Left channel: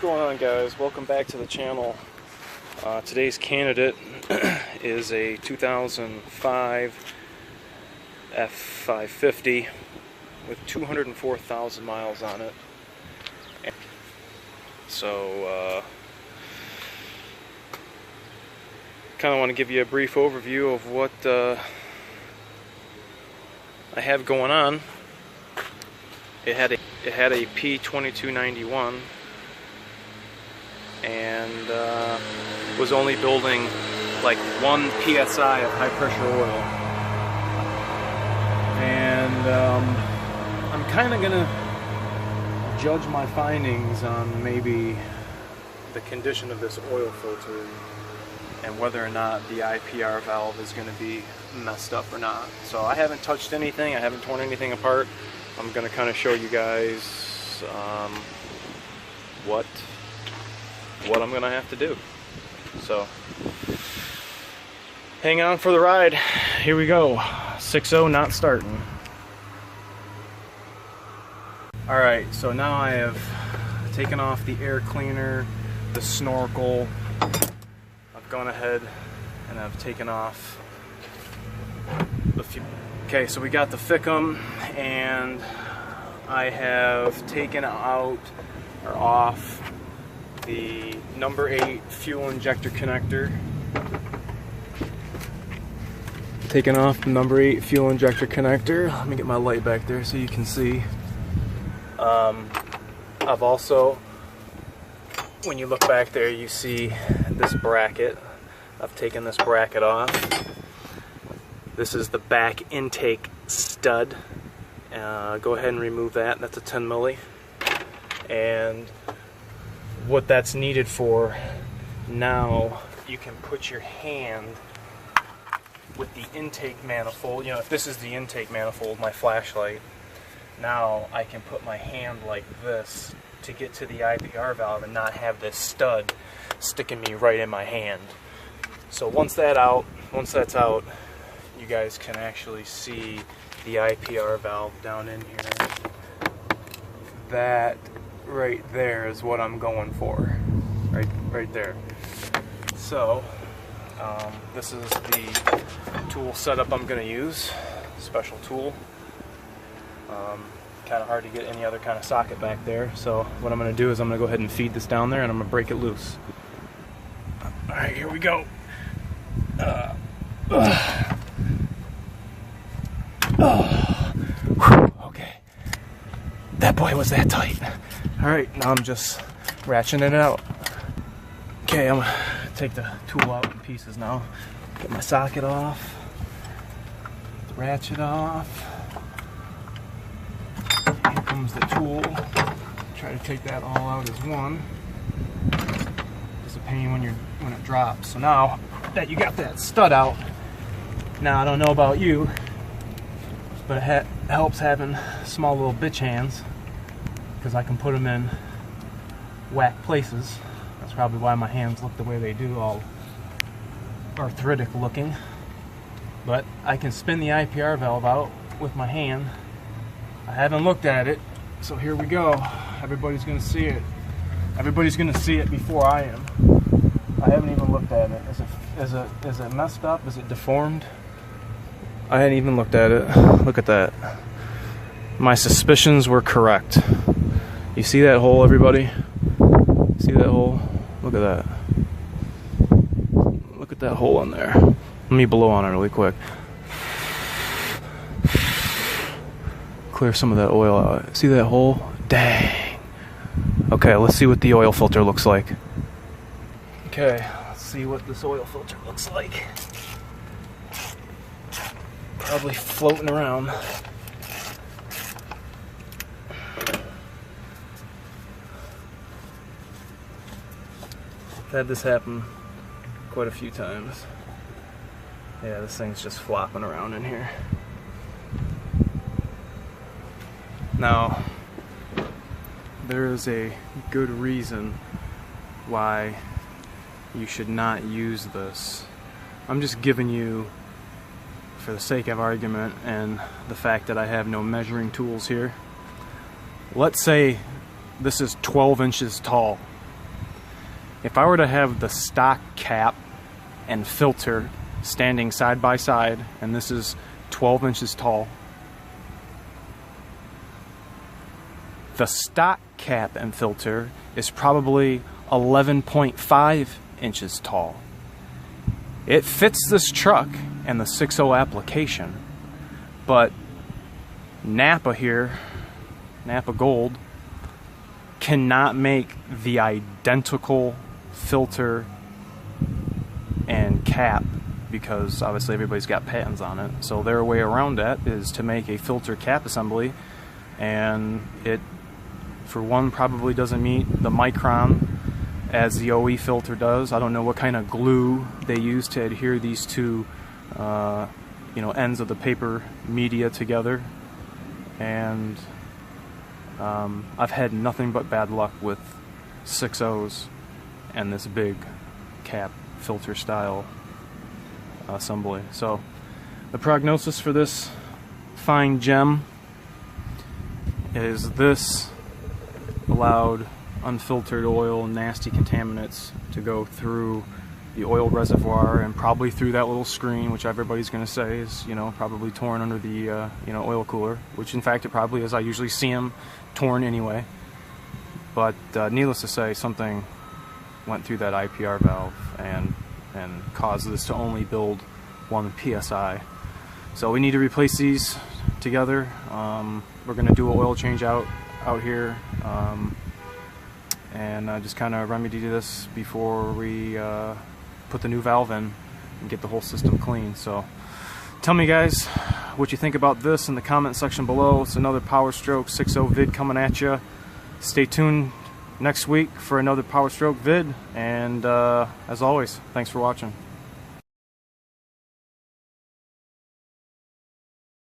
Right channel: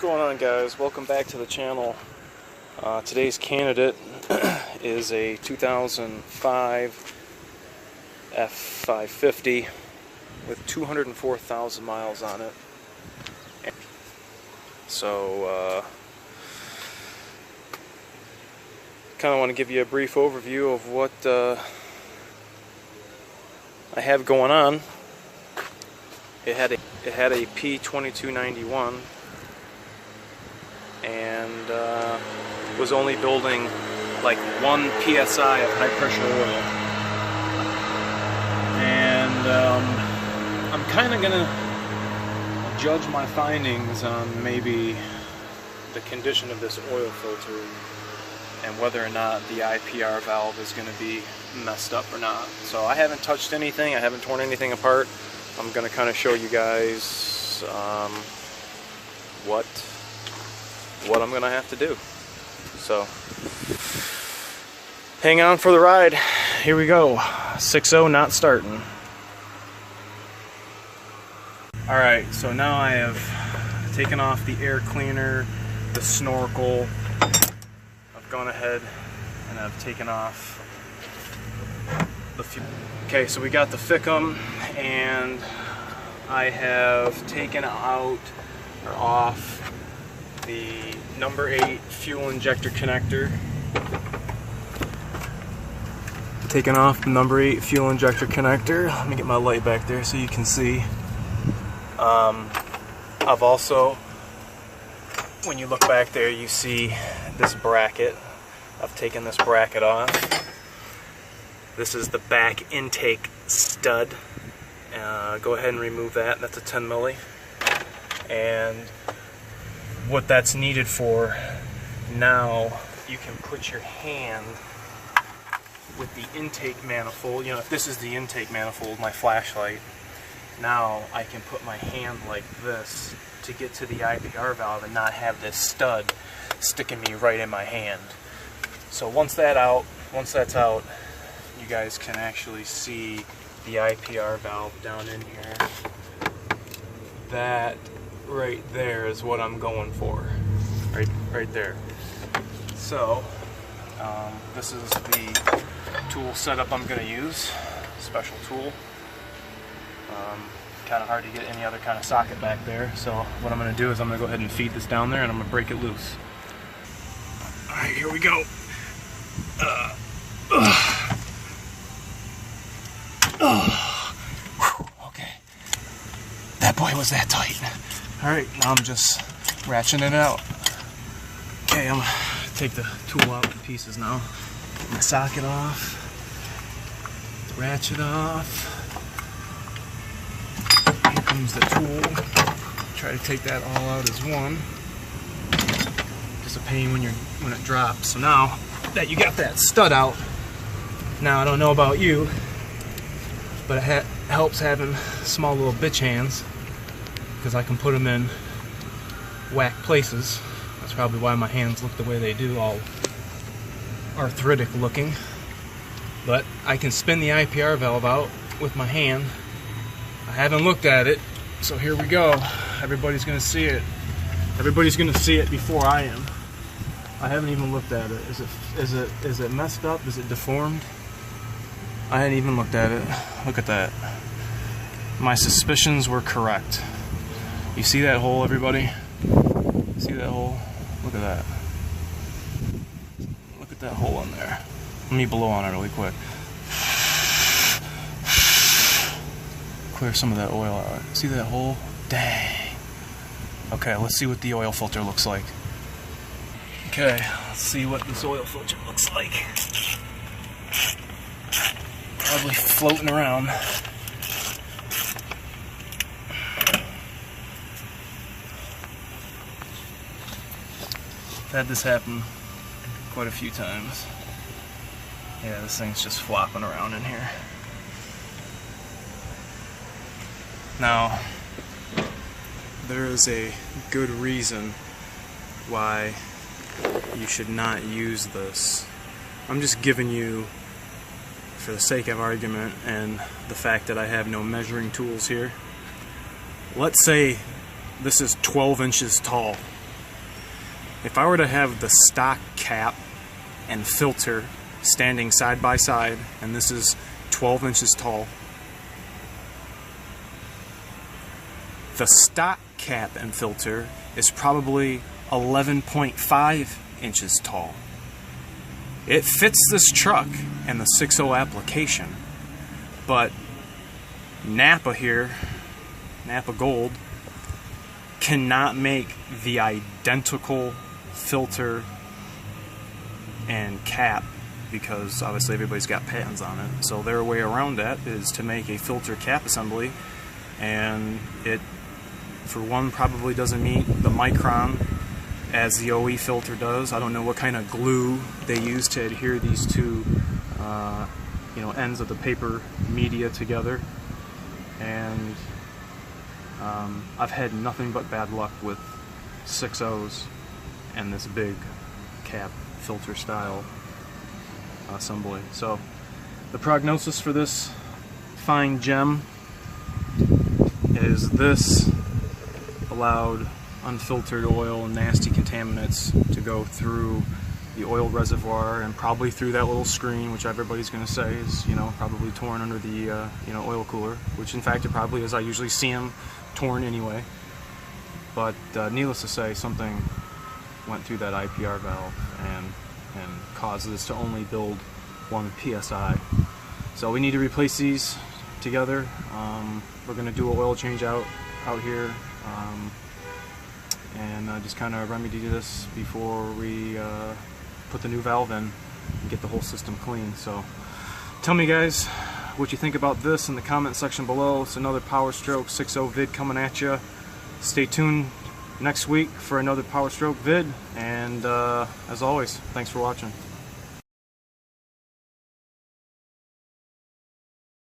going on, guys? Welcome back to the channel. Today's candidate is a 2005 F550 with 204,000 miles on it. So kind of want to give you a brief overview of what I have going on. It had a P2291 and was only building like 1 psi of high pressure oil, and I'm kind of gonna judge my findings on maybe the condition of this oil filter and whether or not the IPR valve is going to be messed up or not. So I haven't touched anything, I haven't torn anything apart. I'm going to kind of show you guys what I'm going to have to do. So hang on for the ride. Here we go. 6.0 not starting. Alright, so now I have taken off the air cleaner, the snorkel. I've gone ahead and I've taken off the fuel. Okay, so we got the FICM, and I have taken out or off the number 8 fuel injector connector. Taken off the number 8 fuel injector connector. Let me get my light back there so you can see. I've also, when you look back there, you see this bracket. I've taken this bracket off. This is the back intake stud. Go ahead and remove that. That's a 10 milli. And what that's needed for, now you can put your hand with the intake manifold. You know, if this is the intake manifold, my flashlight, now I can put my hand like this to get to the IPR valve and not have this stud sticking me right in my hand. So once that's out, you guys can actually see the IPR valve down in here. That right there is what I'm going for. Right there. So this is the tool setup I'm going to use. Special tool. Kind of hard to get any other kind of socket back there. So what I'm going to do is I'm going to go ahead and feed this down there, and I'm going to break it loose. Alright, here we go. Okay, that boy was that tight. Alright, now I'm just ratcheting it out. Okay, I'm gonna take the tool out in pieces now. Get my socket off, ratchet off. Here comes the tool. Try to take that all out as one. Just a pain when it drops. So now that you got that stud out, now I don't know about you, but it helps having small little bitch hands, because I can put them in whack places. That's probably why my hands look the way they do, all arthritic looking. But I can spin the IPR valve out with my hand. I haven't looked at it, so here we go. Everybody's gonna see it. Everybody's gonna see it before I am. I haven't even looked at it. Is it messed up? Is it deformed? I hadn't even looked at it. Look at that. My suspicions were correct. You see that hole, everybody? See that hole? Look at that. Look at that hole in there. Let me blow on it really quick. Clear some of that oil out. See that hole? Dang. Okay, let's see what the oil filter looks like. Okay, let's see what this oil filter looks like. Probably floating around. I've had this happen quite a few times. Yeah, this thing's just flopping around in here. Now, there is a good reason why you should not use this. I'm just giving you, for the sake of argument and the fact that I have no measuring tools here, let's say this is 12 inches tall if I were to have the stock cap and filter standing side by side, and this is 12 inches tall, the stock cap and filter is probably 11.5 inches tall. It fits this truck and the 6.0 application, but Napa here, Napa Gold, cannot make the identical filter and cap because obviously everybody's got patents on it. So their way around that is to make a filter cap assembly, and it, for one, probably doesn't meet the micron as the OE filter does. I don't know what kind of glue they use to adhere these two ends of the paper media together, and I've had nothing but bad luck with 6.0s and this big cap filter style assembly. So the prognosis for this fine gem is this allowed unfiltered oil and nasty contaminants to go through the oil reservoir and probably through that little screen, which everybody's going to say is, probably torn under the, oil cooler, which in fact it probably is. I usually see them torn anyway. But needless to say, something went through that IPR valve and caused this to only build 1 PSI. So we need to replace these together. We're going to do an oil change out here. And just kind of remedy this before we put the new valve in and get the whole system clean. So tell me, guys, what you think about this in the comment section below. It's another PowerStroke 6.0 vid coming at you. Stay tuned next week for another PowerStroke vid, and as always, thanks for watching.